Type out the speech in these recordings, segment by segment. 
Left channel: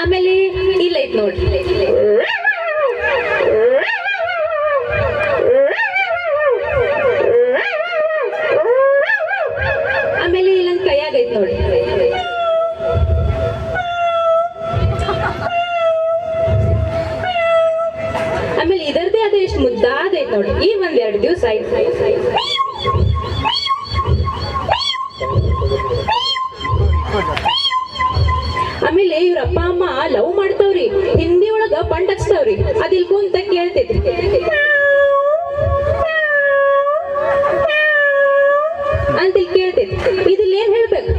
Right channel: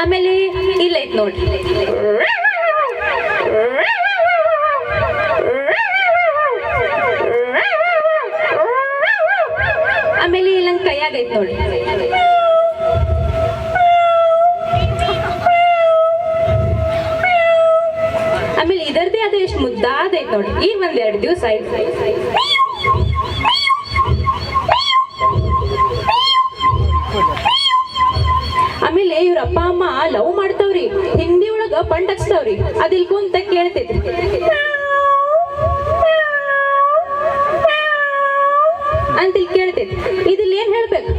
ಆಮೇಲೆ ಇಲ್ಲ ಐತ್ ನೋಡ್ರಿ, ಆಮೇಲೆ ಇಲ್ಲಂಗ್ ಕೈಯಾಗೈತ್ ನೋಡಿ. ಆಮೇಲೆ ಇದರದೇ ಅದ ಎಷ್ಟು ಮುದ್ದಾದೈತ್ ನೋಡಿ. ಈ ಒಂದೆರಡು ದಿವಸ ಆಯ್ತು. ಆಮೇಲೆ ಇವ್ರ ಅಪ್ಪ ಅಮ್ಮ ಲವ್ ಮಾಡ್ತಾವ್ರಿ, ಹಿಂದಿ ಒಳಗ ಪಂಡ್ ಹಚ್ತಾವ್ರಿ. ಅದಿಲ್ ಕುಂತ ಕೇಳ್ತೈತ್ರಿ, ಅಂತ ಕೇಳ್ತೈತಿ. ಇದಿಲ್ ಏನ್ ಹೇಳ್ಬೇಕು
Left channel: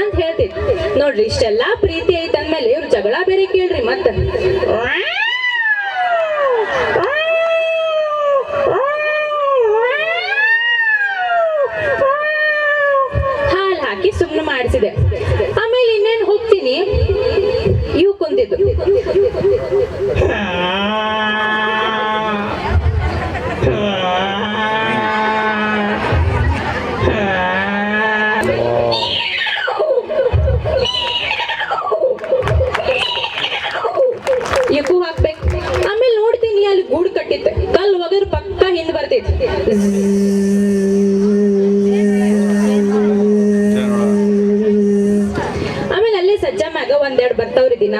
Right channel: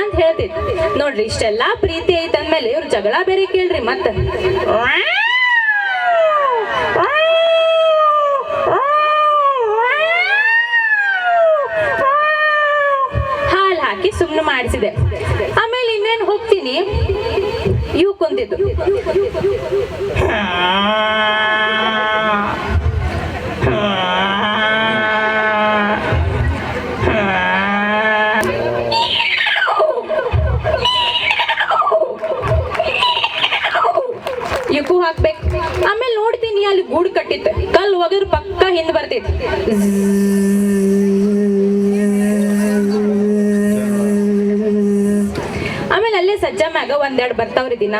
ಅಂತ ಹೇಳ್ತೈತಿ ನೋಡ್ರಿ. ಇಷ್ಟೆಲ್ಲಾ ಪ್ರೀತಿ ಐತ್ ಅಂದ್ಮೇಲೆ ಇವ್ರ ಜಗಳ ಬೇರೆ ಕೇಳ್ರಿ. ಮತ್ತ ಹಾಲ್ ಹಾಕಿ ಸುಮ್ನೆ ಮಾಡಿಸಿದೆ. ಆಮೇಲೆ ಇನ್ನೇನ್ ಹೋಗ್ತೀನಿ, ಇವು ಕುಂತಿದ್ದು. ಇವಕ್ಕೂ ಹಾಕ್ಬೇಕು. ಆಮೇಲೆ ನೋಡ್ತೀನಿ ಅಲ್ಲಿ ಗೂಡು ಕಟ್ಟಿತ್ತು, ಕಲ್ಲು ಒಗರು ಪಕ್ಕ ಹಿಂದ್ ಬರ್ತೈತಿ. ಆಮೇಲೆ ಅಲ್ಲೇ ಸಜ್ಜ ಮ್ಯಾಗ ಒಂದೆರಡು ಬರ್ತಾವ್ರಿ ದಿನ.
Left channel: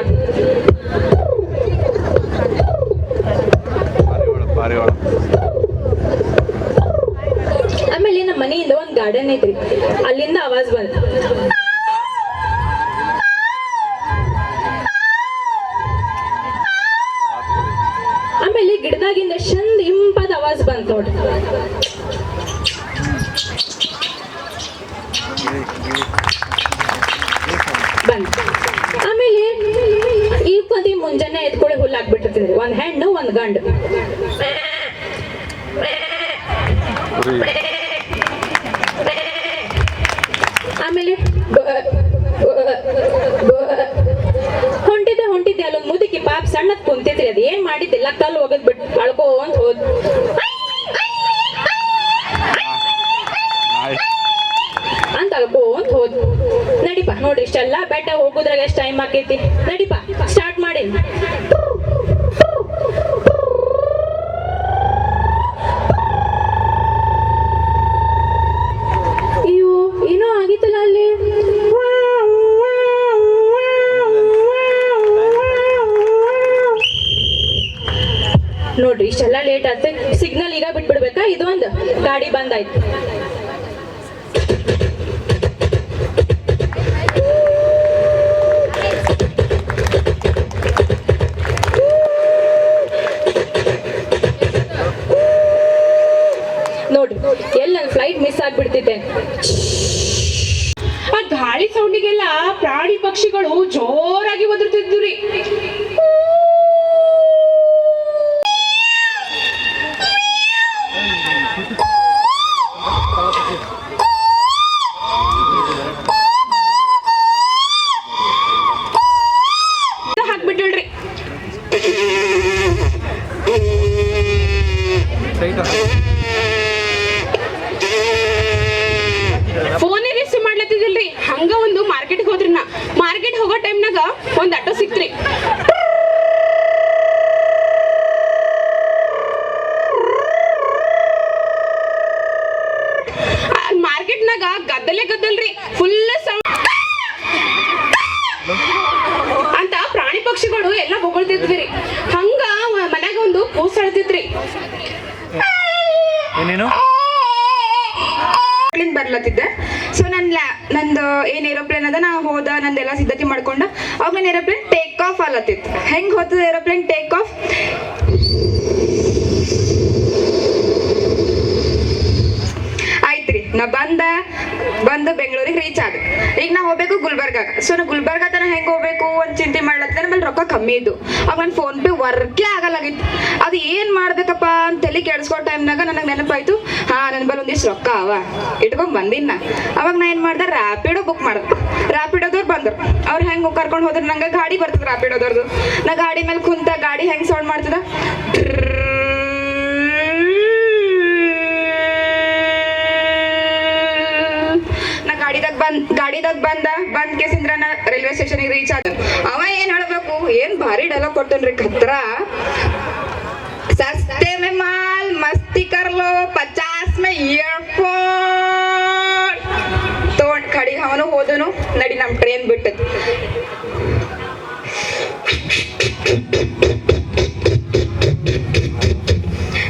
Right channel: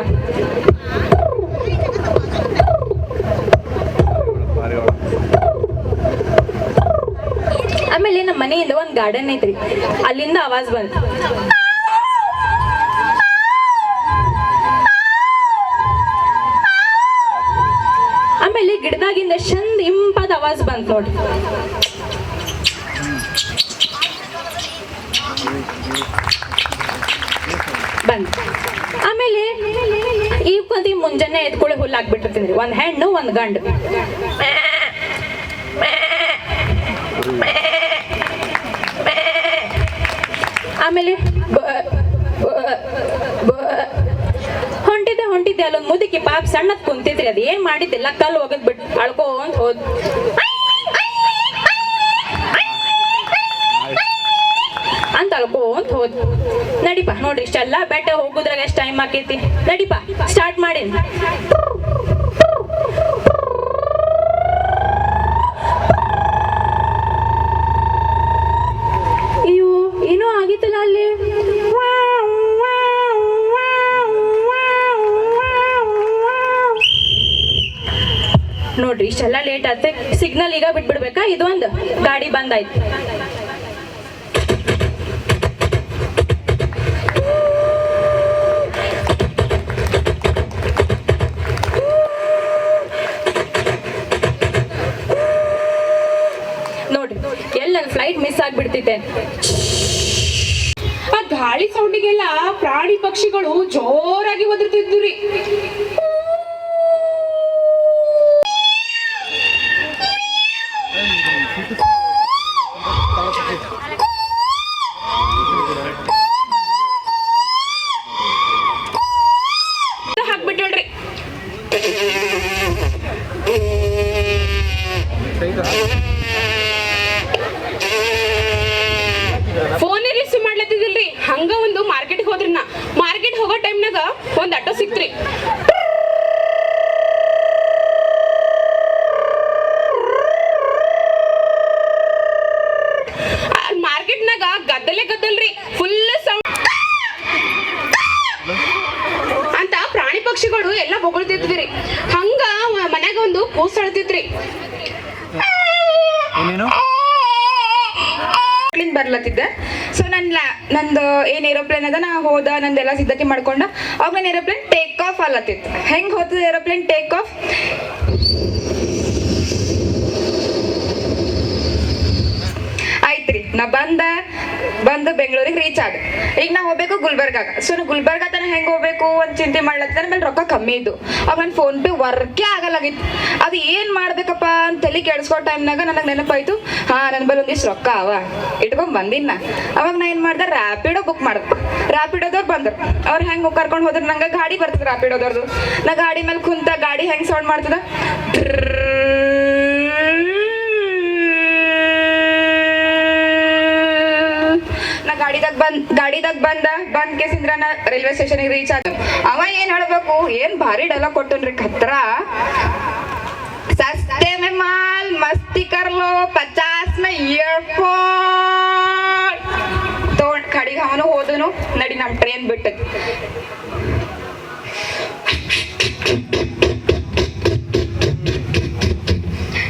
ಆಮೇಲೆ ನಮ್ಮ ಮನೆಯಿಂದ ಒಂದ್ ಗಾರ್ಡನ್ ಐತ್ರಿ, ಅಲ್ಲಿಂದ ಆವಾಜ್ ಬಂತು. ಆಮೇಲೆ ಗಿಡದಾಗಿಂದ ಚಂದ ಇಂಪಾದ ಆವಾಜ್ ಬಂತು ನೋಡ್ರಿ. ಬಂತು. ಆಮೇಲೆ ಈ ಪದಿ ಮುಂಜಾನೆ ಎತ್ಕೊಳ್ಳಿ ಹುಲ್ಲು ಹಾಕ್ಬಿಟ್ಟಿರ್ತೀನಿ. ಒಂದ್ ಹೆಣ್ಣು ಒಂದ್ ಗಂಡು. ಆಮೇಲೆ ಹೊಂಟಿದ್ದೆ ಅಲ್ಲೊಂದು ಮುದುಕಿ ಪಾಪ ಸಣ್ಣದ್ ಕುಂತಿದ್ರಿ. ಅದ್ ಏನ್ ಮಾಡಿದ್ದಿಲ್ಲ, ಕಲ್ಲು ಹೋಗದ್ ಬಿಟ್ಟು ಅಳ್ಕೊಂತ ಹೋದ್. ಅಂತ ಅಳ್ಕೊಂತ ಹೋದ್. ನಡಿಪ ನೋಡ್ರಿ, ಇಷ್ಟೆಲ್ಲಾ ಬೆಟ್ಟ ಹೋಗುದ್ರಾಗ ಎಷ್ಟ್ ಟೈಮ್ ಆಕೈತಿ. ನಡಿಪ ಸ್ಟಾರ್ಟ್ ಮಾಡಿ. ಅಯ್ಯೋ ಏನೋ ಆಗಿತ್ತಲ್ಲ ಅಲ್ಲಿ. ನೋಡ್ರಿ ಇಷ್ಟೆಲ್ಲ ಲೇಟ್ ಆಯ್ತು. ಸಿಗ್ನಲ್ ಈಗ ಬಿಟ್ಬಿಡ್ಬೇಕಾ? ಇದೊಂದು ಗಾಡಿ ಬಂದಾಯ್ತು. ನೋಡ್ರಿ ಎಲ್ಲ ಫ್ಲೈಟ್ ಮಿಸ್ ಆಗ್ಬಿಡ್ತಿದ್ದೆ. ಆ ಗಾಳಿ ಸೌಂಡಿಗೆಲ್ಲ ಪ್ರಾಣಿ ಪಕ್ಷಿಗಳು ಜೋರಾಗಿ ಒದರ್ತಿದ್ವು ರೀ. ಹಾಕ್ಬಿಟ್ಟಳ್ರಿ. ಫೋನ್ ರಿಸೀವ್ ಮಾಡ್ಲತ್ತಿದಿಲ್ರಿ. ಹಂಗ ಒಂದು ಮಾರ್ಕೆಟ್ಗೆ ಹೋದ್ರಿ. ನಾ ಮಾರ್ಕೆಟ್ ಹೋಗೋ ಟೈಮ್ನಾಗ ಒಂದ್ ಆಟೋ ಸಿಕ್ತ್ರಿ. ಮಾರ್ಕೆಟ್ನಾಗ ಗದ್ದಲ್ರಿ, ಫುಲ್ ಸೌಂಡ್ ಅಂತ ಪ್ರಾಣಿ ಪಕ್ಷಿಗಳು ಎಲ್ಲ ಬೊಗಳ್ತಿದ್ವಿ. ಹಂಗ ಮನ್ಯಾಗ ಒಂದು ಕೂಸ್ ಅಳ್ತಿತ್ರಿ. ಬರ್ಲತ್ತಿದ್ದೆ. ಸೊ ನಂದು ಏನ್ ಏರೋಪ್ಲೇನ್ ಅದ, ನಾ ಹೋದ ನಂದೆಲ್ಲ ಸಿದ್ಧತೆ ಮಾಡ್ಕೊಂಡ. ಅವಾಗ ನನ್ನ ಏರೋಪ್ಲೇನ್ ಟೇಕ್ ಆಫ್ ಅಲ್ಲತ್ತಿತ್ತು. ಹೆಂಗ್ ಹೋಗ್ತದ ಏರೋಪ್ಲೇನ್ ಟೇಕ್ ಆಫ್? ಆಯ್ತ್ರಿ, ನಾ ಬಂದು ಬೆಂಗಳೂರಿಗೆ ರೀಚ್ ಆಗ. ಈಗ ನಾ ಹೋಗ್ಬೇಕು ಗುಲ್ಬರ್ಗಾಗ. ಸೊ ನಾ ಗುಲ್ಬರ್ಗ ತನ ಹೆಂಗ್ ಹೋಗ್ಬೇಕು ಅಂತ ಚಿಂತೆ ಮಾಡ್ಲತ್ತಿದ್ದೆ. ಆಮೇಲೆ ರೊಕ್ಕ ಕಮ್ಮಿ ಇದ್ದು. ಅವಾಗ ನನ್ನ ಫೋನ್ ಪೇ ವರ್ಕೇ ಆಗಲಾಗಿತ್ತು. ಅದು ಏನ್ ಮಾಡ್ಬೇಕಪ್ಪ ಅಂತ ತಲೆ ಕೆಡ್ಸ್ಕೋ ಟೈಮ್ನಾಗ ನನಗೆ ನೆನಪಾಯ್ತು, ನನ್ನ ಬಲ್ಲಿ ಒಂದಿಷ್ಟು ರೊಕ್ಕ ಅವ ಇಟ್ಕೊಂಡ್ ಬಂದಿನ. ಅವಾಗ ನಾ ಏನ್ ಮಾಡ್ದೆ, ರ್ಯಾಪಿಡೋ ಬುಕ್ ಮಾಡ್ದೆ. ರ್ಯಾಪಿಡೋದವ್ರು ಬಂದ್ರು. ಅವ್ರು ಹೆಂಗ್ ಕರ್ಕೊಂಡು ಹೋದ್ರ, ನಂಗೆ ಗಾಡಿ ಬರ್ತದ ರ್ಯಾಪಿಡೋದವ್ರದ್ದು. ನಾ ಗಾಡಿ ಮೇಲೆ ಕುಂತ ಗಾಡಿ ಹೆಂಗ್ ಸೌಂಡ್ ಮಾಡ್ತದ, ಗಾಡಿದಾಗ ಬಂದ್ ಕೇಸಿಂದ್ರ ರೈಲ್ವೆ ಸ್ಟೇಷನ್ಗೆ ರೀಚ್ ಆದ. ಅವ ಏನ್ ಹೇಳ್ಬೇಕು, ಏನ್ ಭಾರಿ ಡೈಲಾಗ್ ಕೊಡ್ತೇನ್ರಿ ಖತ್ರ. ಸಸ್ತೆ ಮೇ ಮಾಲ್ ಮಸ್ತಿ ಕರ್ಲೋ 50 ಮೇ ಇಯರ್ಫೋನ್ ತಗೊಂಡ್ ಕಡಿಗೆ ಅವನು ಹೋದನು. ನಡಿ ನಮ್ ಟ್ರೈನ್ ಬಿಟ್ಟದ್.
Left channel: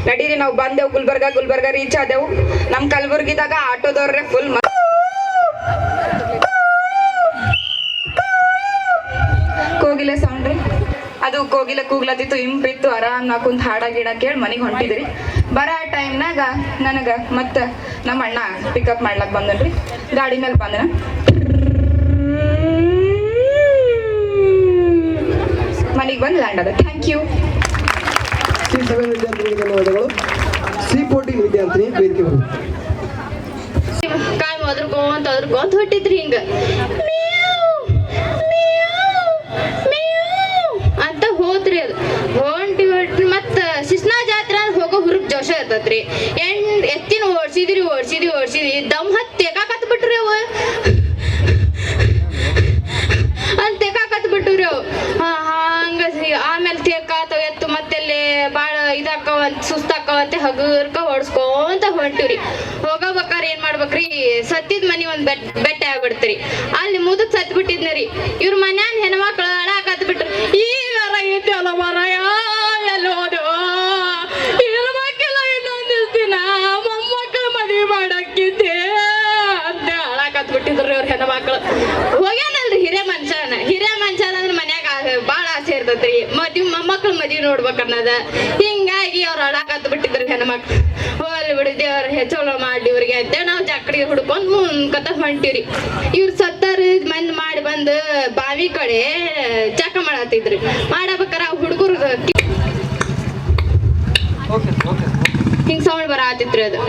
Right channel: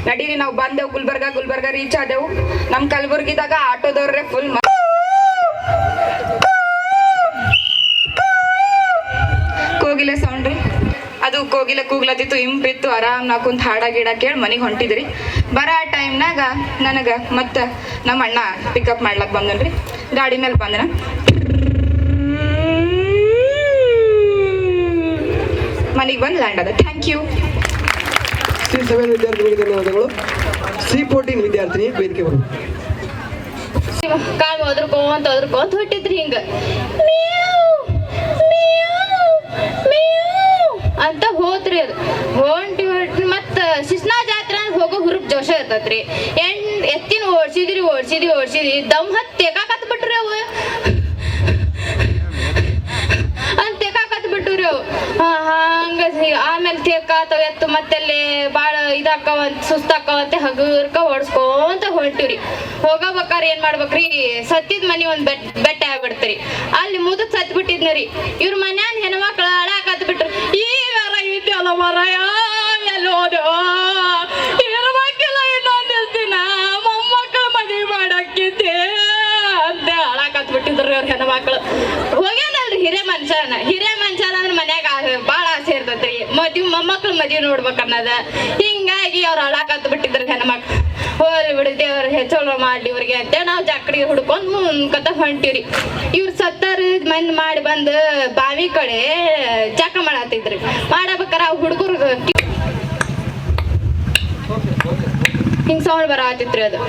ನಡೀರಿ ನಾವು ಬಂದೆವು ಗುಲ್ಬರ್ಗ ರೀಚ್ ಆದೆವು. ನಮ್ ಕಲಬುರ್ಗಿದಾಗ ಆಟೋದವ್ರೆ ಫುಲ್ ಕೋಗಿಲೆ ಸೌಂಡ್ ರೀ. ಅದು ಕೋಗಿಲೆ ಕೂಗ್ಲತ್ತಿತ್ತು, ಇಂಪಿತ್ತು. ಆರಾಮ್ ನಾ ಕುಂತ ಹಾಡ ಗಿಡ ಕೇಳಿ ಮನೆಗೆ ಹೊಂಟಿದ್ರಿ. ಬರೋ ಟೈಮ್ನಾಗ ನನಗ ಮತ್ತೆ ನಮ್ಮ ಅಣ್ಣ ಪಿಕಪ್ ಮಾಡ್ಲಕ್ ಬಂದನ್ರಿ. ಗಾಡಿ ಮೇಲೆ ಬಂದನ. ಮನೆಗೆ ಬಂದು ಲ್ಯಾಂಡ್ ಅದ. Thank you. C7 ವಿದ್ಯಾರ್ಥಿಗಳಿಗೆ ಧನ್ಯವಾದಗಳು. C14 ವಿದ್ಯಾರ್ಥಿನಿ ವೇದಿಕೆ ಬರು. ಕಾಯಿ ಒದ್ರಕೊಂತ ಹೊಟ್ಟಿದ್ರಿ ಹಿಂಗ ಅಂತ ಹೋದ್ರಿ. ಅದು ಹೊಂಟಿ ಮತ್ತ ಶಿಸ್ನಾ ಜಾತ್ರೆ ಹೋಗೋ ಹುರುಪ್ ಜೋಶ ಇರ್ತೈತ್ರಿ. ಎತ್ತಿನ ಓಡ್ಸಿದ್ರಿ ದಮ್ ಹತ್ತಿ ಕತ್ ಬಿಟ್ರಿ ಅವ ಅಲ್ಲಿ ತೆಕಾಕತ್ ಬಿಟ್ಟುರಿ ಅವು. ಹಂಗ ಆಮೇಲೆ ತೆಕಾತವ ಎತ್ತು ಮತ್ತೆಲ್ಲಿ ಬಾಳ ಇದಾಕವಂತ ಸುಸ್ತಾಕವಂತ ಹಗುರ್ಕ ಹೊಡ್ಸ್ಕೊಂತ ಹೊಂಟಿವ್ರಿ. ಹೋಗಬೇಕಾರ ಏನ್ ಮಾಡ್ಬೇಕ್ರಿ, ಸತ್ತಿದ್ ಮನಿ ಒಂದ್ ಬೆಟ್ಟ ಆಗ್ಬಿಡ್ತ್ರಿ. ಅಲ್ಲಿ ಮುದಕ್ ಸತ್ ಬಿಟ್ಟಿದ್ನರಿ. ಇವ್ರ ಮನ್ಯಾಗ ಹೆಣ್ಮಕ್ಳು ಅಳಾಕತ್ ಬಿಟ್ರಿ. ಈಗ ಐತಿ ಅಲ್ಲ ಮರಾಯ ಎಲ್ಲಿ ಹೋದೆವ ಇರ್ಬೇಕಿಲ್ಲ ಇನ್ನೊಂದಿಸ್ ದಿನ ಮೊಮ್ಮಕ್ಕಳು ಮದ್ವಿ ಮಾಡಕ್ಕಿದ್ದೆ ಅಂತ ಅಳಾಕತ್ ಬಿಟ್ಟಿದ್ರಿ ಅವ್ರ ಹೆಣ್ಮಕ್ಳು. ಹೋಗ್ಯಾನಲ್ರಿ ಹಿರೇ ಮನುಷ್ಯನ ಅಂದ್ರೆ ಮನ್ಯಾಗ ಬಾಳ ಆಸೆ ಇರ್ತೈತ್ರಿ. ಮೊಮ್ಮಕ್ಳು ಮದ್ವಿ ನೋಡ್ಬೇಕನ್ನದ. ಹಿಂಗಾಗಿ ಅವ್ರ ಅಳಾಕತ್ ಬಿಟ್ಟಿದ್ರಿ ಹೆಣ್ಮಕ್ಳು. ಹೋಲಿ ಬಿಡಿ ದೇವ್ರ ಹೆಚ್ಚೋಳ ಮಾಡ್ಲಿ ಇವ್ರಿಗೆ ಅಂತ ನಾವ್ ಜಕ್ಕಡಿಗೆ ಹುಡ್ಕೊಂಡ್ ಮುಂದ್ಕತ ಹೊಂಟಿವ್ರಿ. ಇವ್ರ ಸತ್ತಾರ ಮನ್ ಮಾಡಿ ಬಂದ್ ಬಾವಿ ಕಡೆ ಜಕ ಮಾಡತ್ತಿದ್ರಿ. ಮಾಡಬೇಕಾರ ಹುಡುಗರು ಹಿಂಗ್ ಸೌಂಡ್ ಬರತ್ತಿತ್ರಿ. ಅದು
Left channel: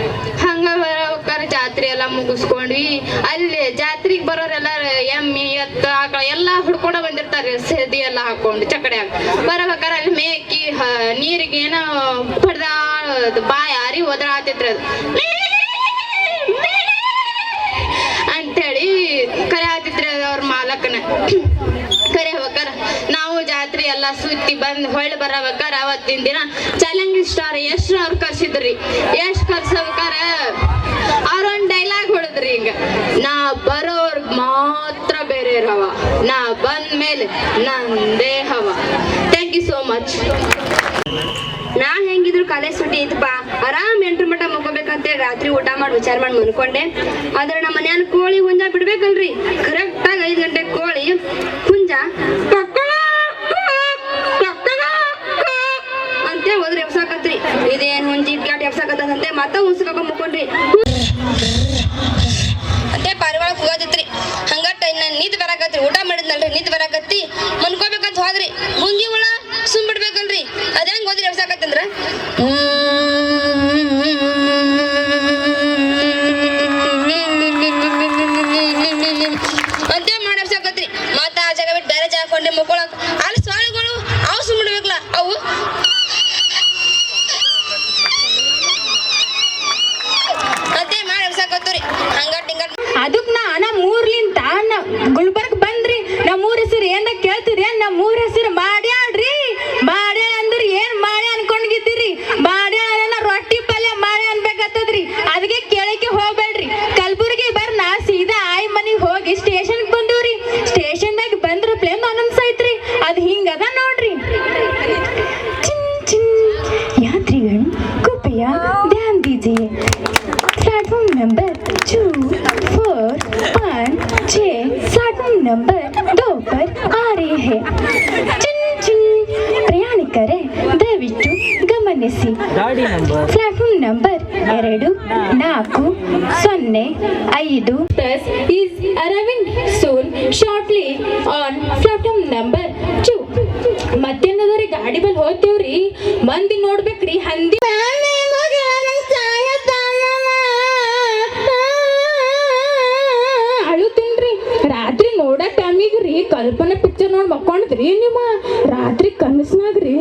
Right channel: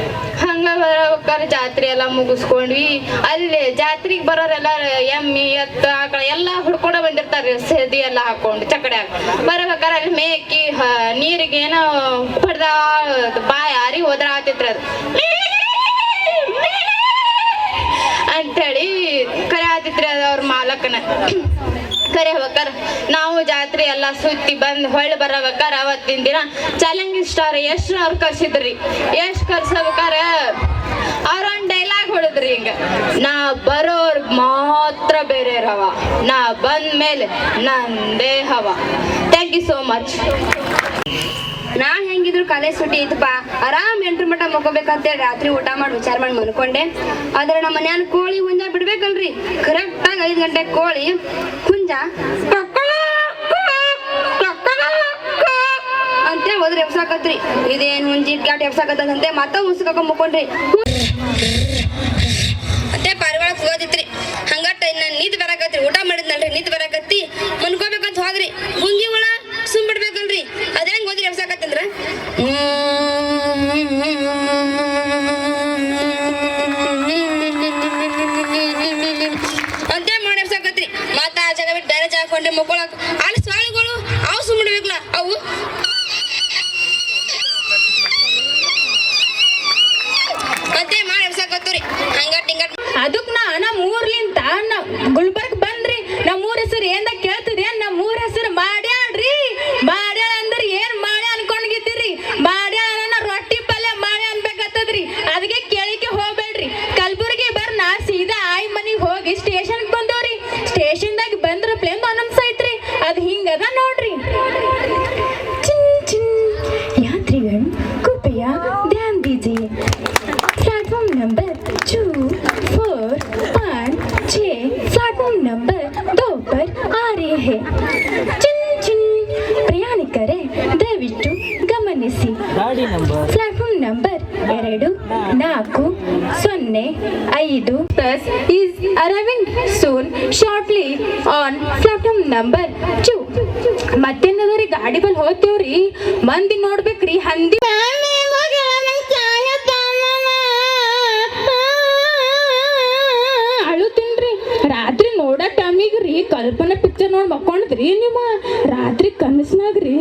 ಹಂಗ ಬರಬೇಕಾರ ಜಾತ್ರೆ ಎಲ್ಲಾ ಮುಗಿಸ್ಕೊಂಡ್ವಿ. ಅಲ್ಲಿ ಜಾತ್ರೆಗೆ ಬರೋರೆಲ್ಲ ಎಮ್ಮಿ ಎತ್ತು ಆಕಳ ಎಲ್ಲಾ ಹುಡ್ಕೊಂಡ ಬಂದಿರ್ತಾರೆ. ಸೆದಿ ಎಲ್ಲಾ ಹಾಕೊಂಡು ಚಕಡ್ಯಾಗ ಬರಬೇಕಾರ ಅಲ್ಲಿ ಮೇಕಿ ನೀರಿಗೆ ಏನೋ ಪಡ್ದ ಬಾಯ ಯಾರಿ ಹೋದ್ರ ಆತಿತ್ರಿ. ಅದು ಅಂತೇಳಿ ಕರೆ ಆತಿತ್ರಿ. ಅದು ಅವ್ರ ಮಾಲಕನ ಕರೆ ಹೋಗ್ಬೇಕಾರ ನಾವು ಜಾತ್ರೆ ಎಲ್ಲಾ ಸುತ್ತಿ ಬಂದ್ ಹೊಳ್ಳಿ ಬರಬೇಕಾರ ಅವತ್ತಿನ ದಿನ ಚಾಲೆಂಜಿಂಗ್ ಸ್ಟಾರ್ ಯಶ್ ಅವ್ರು ಕರ್ಸಿದ್ರಿ. ಯಶ್ ಕರ್ಸಬೇಕಾರ ಅವ್ರೊಂದ್ ಡೈಲಾಗ್ ಹೊಡದ್ರಿ ಹಿಂಗ, ನಾ ಬರೋರ್ ಮಾತ್ರ ಬೇರೆ ಹವ, ನಾ ಬಂದ ಮೇಲೆ ನಂದೇ ಹವ. Thank you so much. ನಾನ್ ಹೆಂಗಿದ್ರು ಕಾಲೇಜ್ ಸುಟ್ಟಿ ಇತ್ತಪ್ಪ, ಆರಾಮ್ 8 ಮಟ್ಟ ಮಕ್ಕೋಬೇಕಂತೇಳಿ ರಾತ್ರಿ ಊಟ ಮಾಡಿ ವಿಚಾರ ಮಾಡಿ ಮನ್ಕೊಂಡೆ. ಆದ್ರೆ ನಮ್ಮ ಮನ್ಯಾನ ಕೋಳಿ ಹುಂಜ ಬಿಡ್ಬೇಕಲ್ರಿ. ಕರೆಕ್ಟ್ ಆಗಿ 5 ಗಂಟೆ ಕೋಳಿ ಹುಂಜ ಅಂತೇಳಿ ಹೋದ್ರೆ ಎಬ್ಸಾಕತ್ರಿ. ಇದೇನ್ ಹುಂಜಿ ಕ್ಯಾಟ್ ಎಬ್ಸಾಕತ್ತಂತೆ ಮತ್ತ ಉಸ್ಕಾಕೊಂಡ್ ಮಕ್ಕೊಂಡ್ರಿ. ಮತ್ತೆ ಪಾರಿವಾಳ ಕೂಗತಿತ್ರಿ. ಹಂಗಟ್ಟ ನೀತ್ ಬರಾಕತ್ರಿ. ಊಟ ಮಾಡಿದ್ನಲ್ರಿ, ನೀತ್ ಬರಾಕತ್ತಿ ಮನ್ಕೋಬೇಕಂತ ಹೋದ್ರಿ. ಹುಂಜಿ ಹುಳ ಸುಮ್ ಬಿಡ್ಬೇಕಲ್ರಿ. ಅದೇಂಗ್ ಹೋದ್ರಿ ಎಬ್ಸಾಕತ್ತಂದ್ರ ಅಂತ ಮಾಡಿ ಎಬ್ಸಾಕತ್ರಿ. ಮತ್ತ ಆ ಜಾಗ ಬಿಟ್ಟು ಬೇರೆ ಜಾಗ ಕೊಂಡೆ ಮಕ್ಕೊಳಕ್. ಅಲ್ಲಿ ಸ್ವಾಳಿಗಳು ಅವು ಸುಮ್ ಬಿಡ್ಬೇಕಲ್ಲ, ಅವು ಮತ್ತೆ ಮಾಡಿ ಎಬ್ಸಾಕತ್ತವ್ರಿ. ಹಂಗಟ್ ಹಿಂಗಟ್ ಅದಕ್ ನಮ್ಮ ಊರ್ಲಿಂದ ಗುಲ್ಬರ್ಗ್ ಬಂದ್ರಿ. ನಮ್ಮ ಊರ ಹೆಸರು ಏನ ಕೇಳ್ತೀರಿ? ನಮ್ಮ ಊರ ಹೆಸರು ಮಾಡ್ಯಾಳ್ರಿ. ಮಾಡ್ಯಾಳ ಅಂದ್ರ ಏನ್ ಮಾಡ್ಯ ಅನ್ಕೊಂಡ್ಗಿದ್ದೀರಿ? ಮಾಡ್ಯಾಳ ರೊಟ್ಟಿ ಪಲ್ಯ ಮಾಡ್ಯ ಅನ್ಬೇಕತ್ತದ್ರಿ. ಅದಕ್ಕೆ ಕೇಳಕ್ಕೆ ಹೋಗ್ಬೇಡ್ರಿ. ಕಲ್ಬುರ್ಗಿ ಬರ್ನ ಸೀದಾ ಆಯ್ ಮನಿಗ್ ಹೋಗಿ ಸ್ಟೇಷನ್ ಬಂದವ್ರಿ. ಸ್ಟೇಷನ್ದಾಗ ಬಂದ್ರ ಪ್ಲೇನ್ ಅನೌನ್ಸ್ ಐತ್ರಿ. ಅದ್ ಹಿಂಗದ ನೋಡ್ರಿ. यात्रीगण कृपया ध्यान दीजिए, प्लेटफॉर्म नंबर 2, 4, 5, 6 प्लेटफॉर्म नंबर 2 पर आ रही है. ಪ್ರಯಾಣಿಕರೇ ದಯವಿಟ್ಟು ಗಮನಿಸಿ, platform number 2, 4, 0, 5 Bus is arriving soon shortly on platform number 2. ಮತ್ತೇನದರಿ ಗಾಡಿ ಬಲ್ ಹೋಗ್ತೇವ್ರಿ. ಮಂದಿ ನೋಡ್ಬೇಕ್ರಿ. ಹಂದಿ ಅಳುತ್ತೇನ್ರಿ. ರಾತ್ರಿ ನೋಡೋ ಟೈಮಿಗ್ರಿ ಕಲ್ಪನೆ ಪಿಕ್ಚರ್ ನೋಡ್ ಮಕ್ಕೊಂಡ್ರಿ. ನಿಮ್ಮ ರಾತ್ರಿ ಕನಸ್ನಾಗ್ರಿ